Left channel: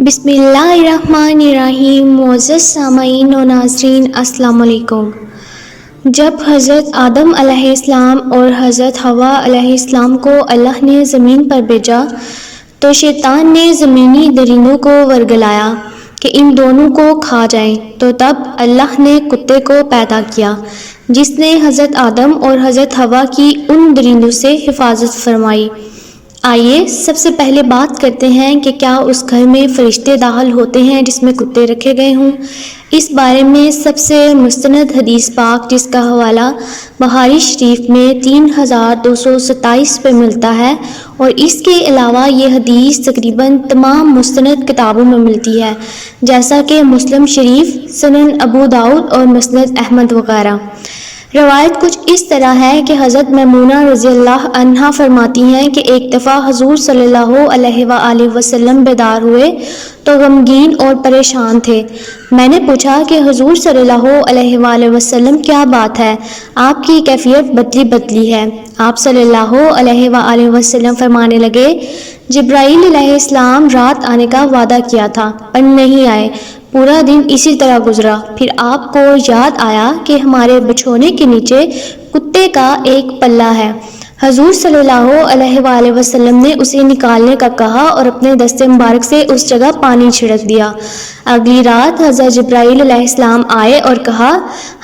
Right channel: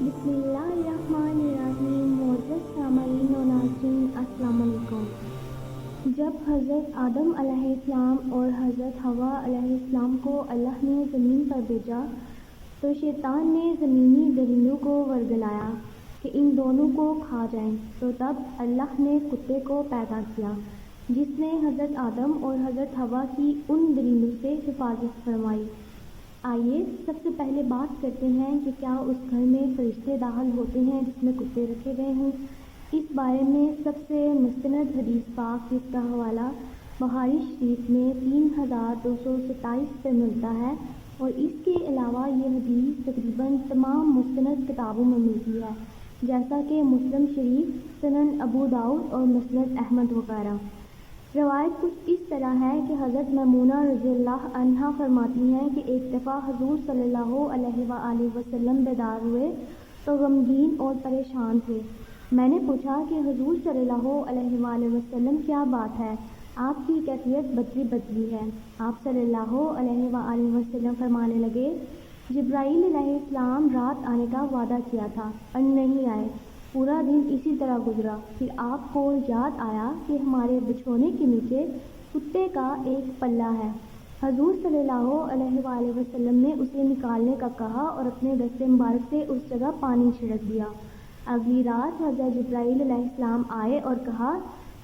بسم اللہ الرحمن الرحیم۔ معزز سامعین و ناظرین، السلام علیکم۔ جب حضرت آدم علیہ السلام اور حضرت حوا علیہ السلام کو اللہ نے زمین پر بھیجا تو شیطان نے زمینی درندوں کو ورگلایا کہ ان دونوں کو کھا جائیں، تو تب اللہ نے کتے کو پیدا کیا جس نے حضرت آدم اور حضرت حوا کی ان درندوں سے حفاظت فرمائی۔ آئیے سب سے پہلے بات کرتے ہیں کہ کیا اس گھر میں فرشتے داخل ہوتے ہیں جس میں کتے رکھے گئے ہوں۔ اس بارے میں سب سے مستند حدیث پاک جس کا حوالہ بخاری شریف میں 3227 پہ ملتا ہے، اور اس کے علاوہ یہ حدیث تقریباً تمام مستند کتابوں میں ملتی ہے، جیسا کہ مسلم شریف، سنن ابو داؤد اور مسند احمد وغیرہ۔ روایت کچھ اس طرح ہے کہ حضرت میمونہ رضی اللہ عنہا فرماتی ہیں کہ ایک دفعہ حضور صلی اللہ علیہ وآلہ وسلم بیدار ہوئے تو غمگین اور پریشان تھے۔ میں نے پوچھا کہ حضور صلی اللہ علیہ وآلہ وسلم کیا بات ہے، آپ کی کیفیت بدلی ہے۔ آپ صلی اللہ علیہ وآلہ وسلم فرمانے لگے، جبرائیل علیہ السلام رات آنے کا وعدہ کیا تھا پر نہیں آئے، پورا دن اسی طرح گزرا۔ پھر آپ کو یاد آیا کہ ہمارے بچھونے کے نیچے کتے کا ایک پلہ ہے۔ حضور صلی اللہ علیہ وآلہ وسلم نے اسے نکالنے کا کہا اور اپنے دست مبارک سے اس جگہ پانی چھڑک دیا۔ اگلی رات حضرت جبرائیل علیہ السلام آئے اور کہا،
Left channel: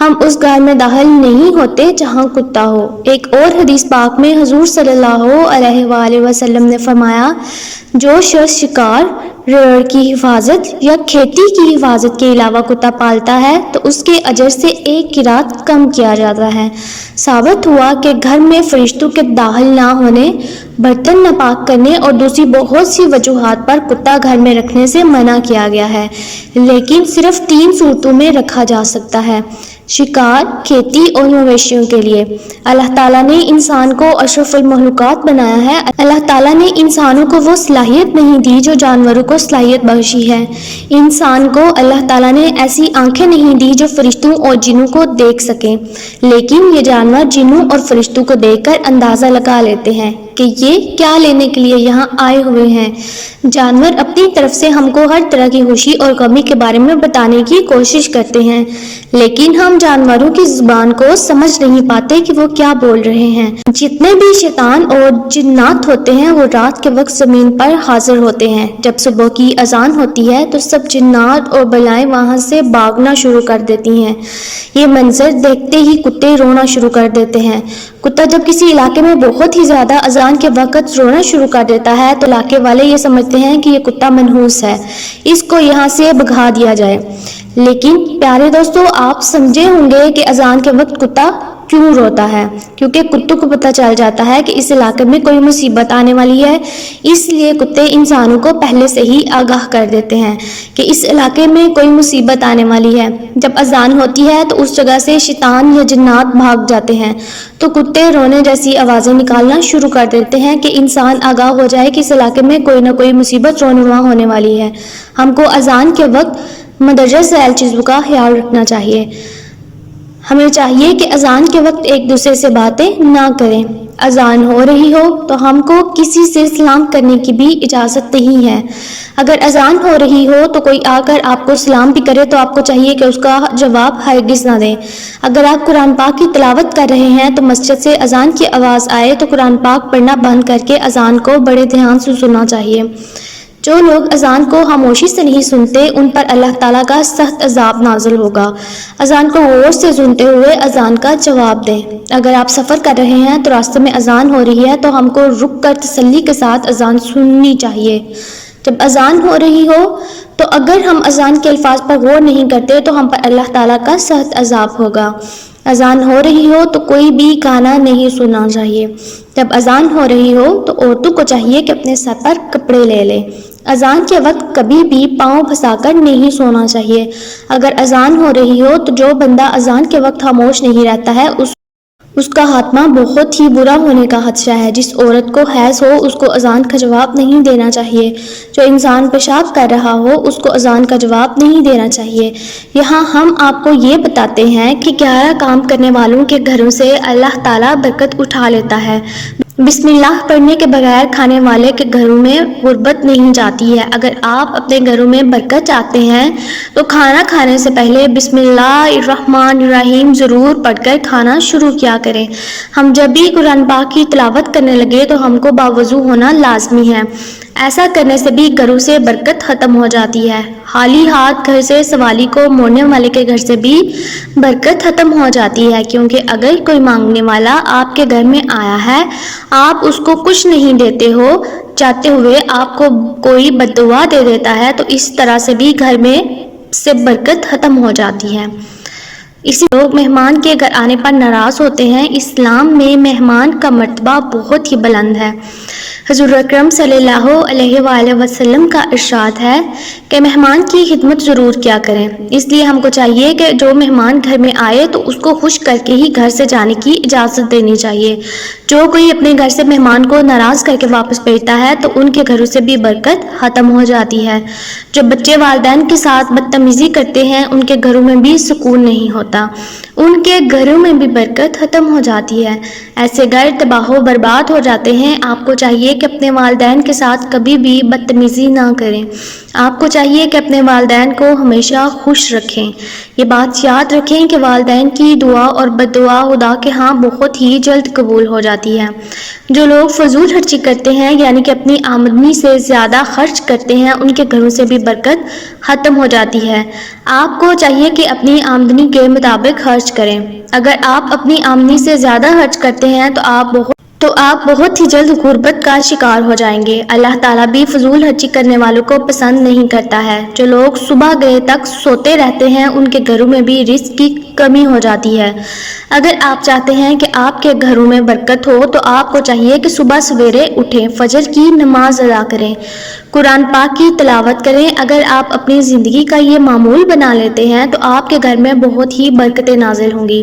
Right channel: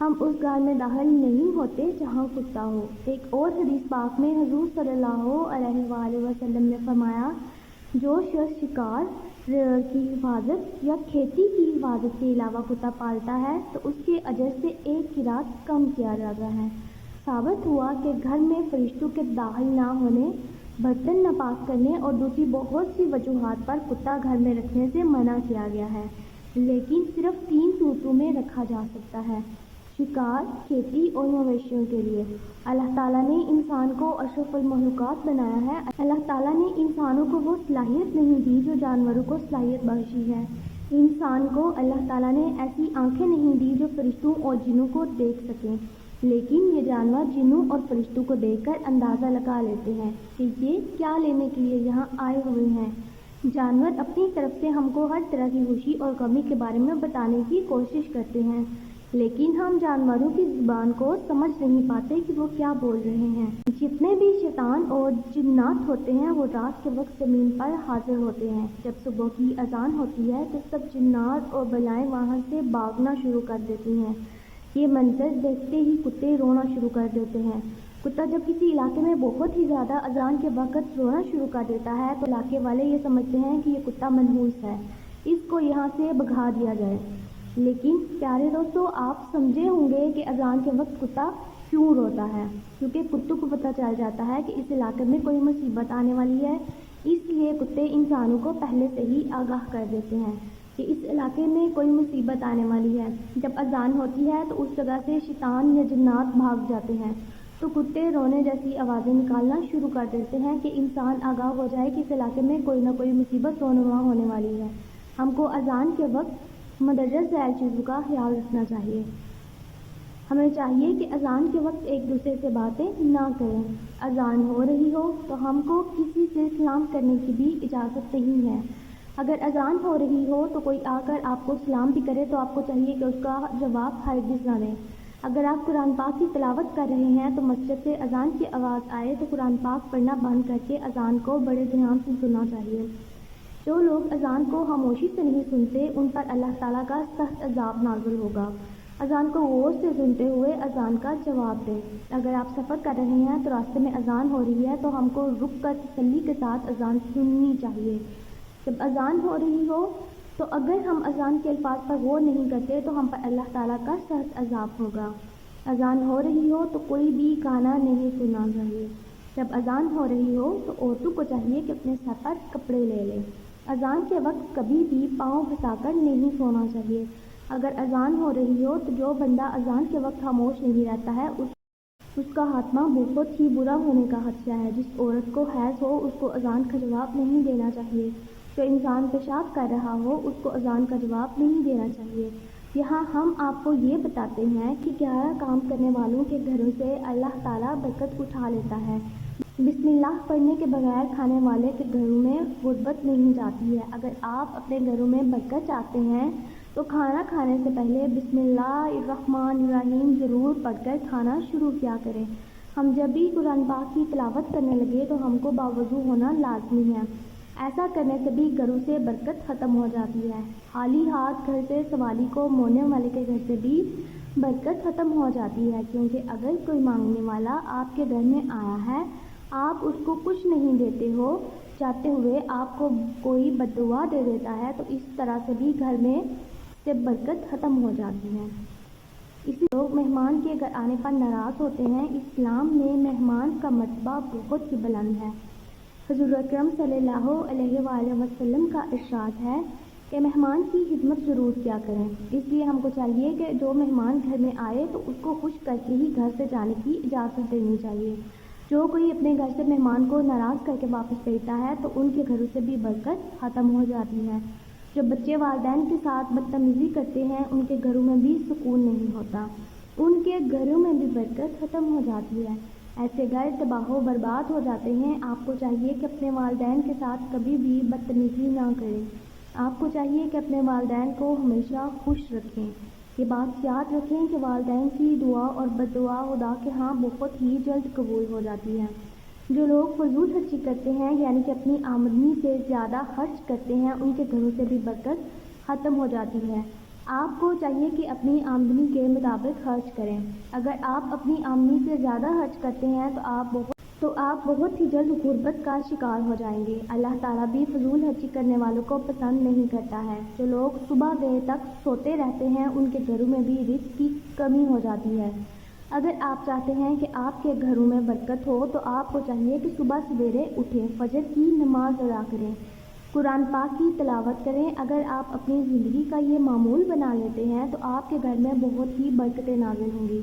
ہم اس گھر میں داخل نہیں ہوتے جہاں کتا ہو۔ ایک اور حدیث پاک میں حضور صلی اللہ علیہ وآلہ وسلم نے فرمایا، جو شخص شکار، ریڑھ کی حفاظت یا کھیتی کی حفاظت کے علاوہ کتا پالتا ہے تو اس کے اجر سے 1 قیراط کم کیا جاتا ہے۔ ثابت ہوا کہ گھر میں فرشتوں کے داخل نہ ہونے، برتن ناپاک کرنے اور دوسری بہت سی وجوہات پر کتا گھر میں رکھنے سے منع کیا گیا ہے، لیکن صرف 3 صورتوں میں رکھا جا سکتا ہے: شکار، کھیتی اور مویشیوں کے لیے۔ اللہ تعالیٰ نے انسان کو اشرف المخلوقات بنایا ہے۔ اللہ تعالیٰ نے انسانوں کو وہ صلاحیت نہیں دی جو جانوروں کو صلاحیت بخشی ہے۔ انسان کو اللہ تعالیٰ نے ایسی آنکھیں نہیں دی جو فرشتوں اور جنوں کو دیکھ سکیں، لیکن یہ جانور جنوں اور فرشتوں کو دیکھ کر اندازہ لگا لیتے ہیں کہ یہ کیا لینے کے لیے یہاں آئے ہوئے ہیں۔ جانور اپنی طرف سے ہم کو ہر طرح کی خوشی اور غمی کے بارے میں بتانے کی کوشش کرتے ہیں، لیکن ہم جانوروں کی زبان کو سمجھ نہیں پاتے کہ وہ کیا بول رہے ہیں۔ جتنے بھی شیطان اور جنات ہوتے ہیں وہ رات کے وقت زمین پر حاضر ہوتے ہیں۔ جب صبح کی اذان ہوتی ہے تو سب جنات اور بلائیں وہاں سے بھاگنا شروع کر دیتی ہیں۔ یہ منظر دیکھتے ہی کتے رونا شروع کر دیتے ہیں۔ کتا جب کسی علاقے میں بہت ہی زیادہ اذان کے وقت رونا شروع کر دیتا ہے تو علاقے والے یہ سمجھتے ہیں کہ یہ کتا منحوس ہے، اس کو یہاں سے بھگا دیا جائے۔ لیکن پیارے دوستو، آپ سمجھے ہوں گے کہ اذان کے وقت کتا کیوں روتا ہے، کیونکہ کتوں کو پتہ چل جاتا ہے کہ اس علاقے میں کوئی مصیبت آنے والی ہے، اس لیے کتے انسانوں کو پہلے سے ہی آگاہ کر دیتے ہیں کہ اس علاقے میں کوئی مصیبت آنے والی ہے۔ جب اذان ہوتی ہے تو اس جگہ سے شیطان یا جنات بھاگ جاتے ہیں تو کتے رونے جیسی آوازیں نکالنا شروع کر دیتے ہیں کہ انسان آگاہ ہو جائے کہ اس علاقے میں کوئی نہ کوئی مصیبت رونما ہونے والی ہے۔ ہم کو اذان کے وقت مندرجہ ذیل چیزوں کا خیال رکھنا چاہیے۔ ہمیں چاہیے کہ اذان کے وقت ایک دوسرے سے باتیں نہ کریں۔ اذان ہو رہی ہو تو ہم کو کسی سے سلام کرنے کی بھی اجازت نہیں ہے۔ اگر اذان ہو رہی ہو تو کوئی آ کر آپ کو سلام بھی کرے تو آپ کو چاہیے کہ اس کا جواب ہرگز نہ دیں۔ اگر آپ قرآن پاک کی تلاوت کر رہے ہیں تو مسجد سے اذان کی آواز آئے تو قرآن پاک پڑھنا بند کر کے اذان کو بڑے دھیان سے سننا چاہیے۔ جو لوگ اذان کو خاموشی سے نہیں سنتے ان پر اللہ تعالیٰ کا سخت عذاب نازل ہوگا۔ اذان کو غور سے سنتے ہوئے اذان کا جواب دیں۔ اگر آپ سفر کر رہے ہیں تو راستے میں اذان ہو رہی ہے تو ہم کو رک کر تسلی کے ساتھ اذان سننی چاہیے۔ جب اذان ہو رہی ہو تو اگر ہم اذان کے الفاظ پر غور نہیں کرتے تو ہم پر اللہ تعالیٰ کا سخت عذاب ہوگا۔ اذان ہو رہی ہو تو کوئی بھی گانا نہیں سننا چاہیے۔ جب اذان ہو رہی ہو تو عورتوں کو چاہیے کہ اپنے سر پر کپڑے لے لیں۔ اذان کے وقت کبھی بھی پاؤں پھنسا کر نہیں سونا چاہیے۔ اگر اذان ہو رہی ہو تو جو بندہ اذان کے وقت خاموش نہیں رہتا ہے اس کا خاتمہ بہت ہی برا ہونے کا خدشہ ہے۔ جس عورت کو حیض ہو اس کو اذان کا جواب نہیں دینا چاہیے۔ جو انسان پیشاب کر رہا ہو اس کو اذان کا جواب نہیں دینا چاہیے۔ یہاں ہم آپ کو یہ بتاتے ہیں کہ 11 کام کرنے والوں کے گھروں سے اللہ تعالیٰ برکت اٹھا لیتا ہے۔ بسم اللہ پڑھنے کے بغیر کھانے والے کے گھروں میں غربت نہیں جاتی ہے۔ اگر آپ اپنے گھروں میں برکت چاہتے ہیں تو کھانا کھانے سے پہلے بسم اللہ الرحمن الرحیم ضرور پڑھ کر کھانا شروع کیا کریں۔ ہم جب بھی قرآن پاک کی تلاوت کرنے لگے تو ہم کو باوضو ہونا لازمی ہے۔ ایسا کرنے سے بھی گھروں سے برکت ختم ہو جاتی ہے۔ خالی ہاتھ گھر سے سوالی کو موڑنے والے کے گھر سے بھی برکت ختم ہو جاتی ہے، کیونکہ اگر کوئی مانگنے والا آپ کے گھر میں آیا ہے، آپ اس کو کچھ نہیں دیتے ہو چاہتے ہوئے آپ کو کوئی بد دعا دے دیتا ہے تو اس طرح سے بھی گھر میں سے برکت ختم ہو جاتی ہے۔ اسی لوگ مہمان کے گھر آنے پر ناراض ہوتے ہیں۔ اسلام میں مہمان کا مرتبہ بہت ہی بلند ہے۔ حضور اکرم صلی اللہ علیہ وآلہ وسلم کا ارشاد ہے کہ مہمان کی خدمت ضرور کیا کریں۔ اس لیے ہم کو چاہیے کہ جو مہمان گھر میں آئے تو اس کو خوش کر کے ہی گھر سے جانے کی اجازت دینی چاہیے۔ جو کوئی اپنے گھر سے مہمان کو ناراض کر کے واپس بھیجتا ہے تو ان کے گھروں سے بھی برکت ختم ہو جاتی ہے۔ جو بچے والدین کے ساتھ بدتمیزی کرتے ہیں ان کے گھروں میں بھی سکون نہیں ہوتا، ان کے گھروں میں بھی برکت ختم ہو جاتی ہے۔ ایسے گھر تباہ و برباد ہو جاتے ہیں۔ آپ کو چاہیے کہ اپنے والدین کے ساتھ کبھی بھی بدتمیزی نہ کریں۔ آپ کو چاہیے کہ اپنے والدین کو ہمیشہ خوش رکھیں۔ یہ بات یاد رکھیں کہ والدین کی دعا اور بد دعا خدا کے ہاں بہت ہی جلد قبول ہو جاتی ہے۔ جو لوگ فضول خرچی کرتے ہیں یعنی کہ اپنی آمدنی سے زیادہ خرچ کرتے ہیں ان کے گھروں سے بھی برکت ختم ہو جاتی ہے۔ آپ کو چاہیے کہ اپنی آمدنی کے مطابق خرچ کریں۔ اگر آپ اپنی آمدنی سے زیادہ خرچ کرتے ہیں تو آپ بہت ہی جلد غربت کا شکار ہو جائیں گے۔ اللہ تعالیٰ بھی فضول خرچی کرنے والوں کو پسند نہیں کرتا ہے۔ جو لوگ صبح گئے تک سوتے رہتے ہیں ان کے گھروں میں بھی رزق کی کمی ہو جاتی ہے۔ اگر آپ چاہتے ہیں کہ آپ کے گھروں میں برکت ہو تو آپ کو چاہیے کہ صبح سویرے اٹھیں، فجر کی نماز ادا کریں، قرآن پاک کی تلاوت کریں۔ اگر آپ اپنی زندگی کا یہ معمول بنا لیتے ہیں تو آپ کے گھر میں بہت ہی برکتیں نازل ہوں گی۔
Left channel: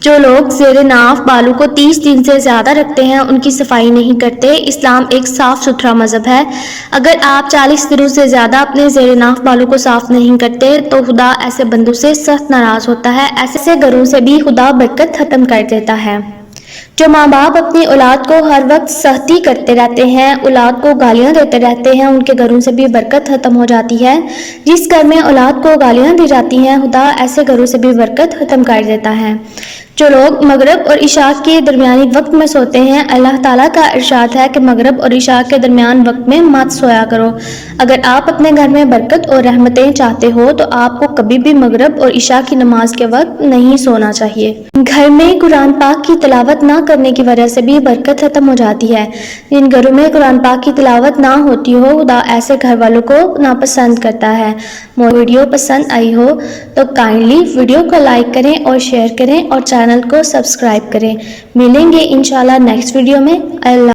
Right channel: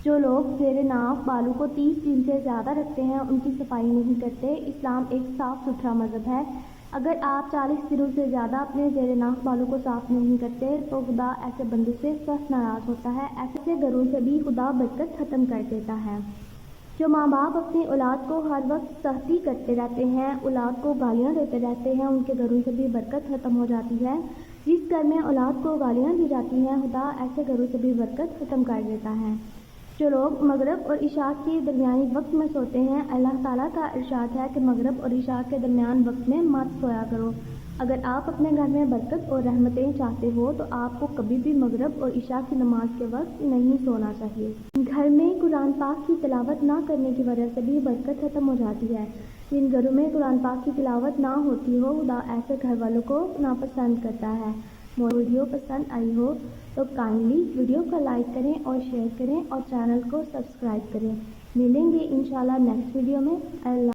جو لوگ زیر ناف بالوں کو 30 دن سے زیادہ رکھتے ہیں ان کی صفائی نہیں کرتے۔ اسلام ایک صاف ستھرا مذہب ہے۔ اگر آپ 40 دنوں سے زیادہ اپنے زیر ناف بالوں کو صاف نہیں کرتے تو خدا ایسے بندوں سے سخت ناراض ہوتا ہے۔ ایسے گھروں سے بھی خدا برکت ختم کر دیتا ہے۔ جو ماں باپ اپنی اولاد کو ہر وقت سختی کرتے رہتے ہیں، اولاد کو گالیاں دیتے رہتے ہیں، ان کے گھروں سے بھی برکت ختم ہو جاتی ہے۔ جس گھر میں اولاد کو گالیاں دی جاتی ہیں خدا ایسے گھروں سے بھی برکت ختم کر دیتا ہے۔ جو لوگ مغرب اور عشاء کے درمیانی وقت میں سوتے ہیں، اللہ تعالیٰ کا ارشاد ہے کہ مغرب اور عشاء کے درمیان وقت میں مت سویا کرو۔ اگر آپ اپنے گھر میں برکت اور رحمتیں چاہتے ہو تو آپ کو کبھی بھی مغرب اور عشاء کی نماز کے وقت نہیں سونا چاہیے۔ گھر میں قرآن پاک کی تلاوت نہ کرنے کی وجہ سے بھی برکت ختم ہو جاتی ہے۔ جن گھروں میں قرآن پاک کی تلاوت نہ ہوتی ہو خدا ایسے گھر والوں کو ناپسند کرتا ہے۔ ویڈیو پسند آئی ہو تو کائنڈلی ویڈیو کو لائک کریں اور شیئر کریں اور چینل کو سبسکرائب کریں۔ ملیں گے انشاءاللہ نیکسٹ ویڈیو میں۔ اللہ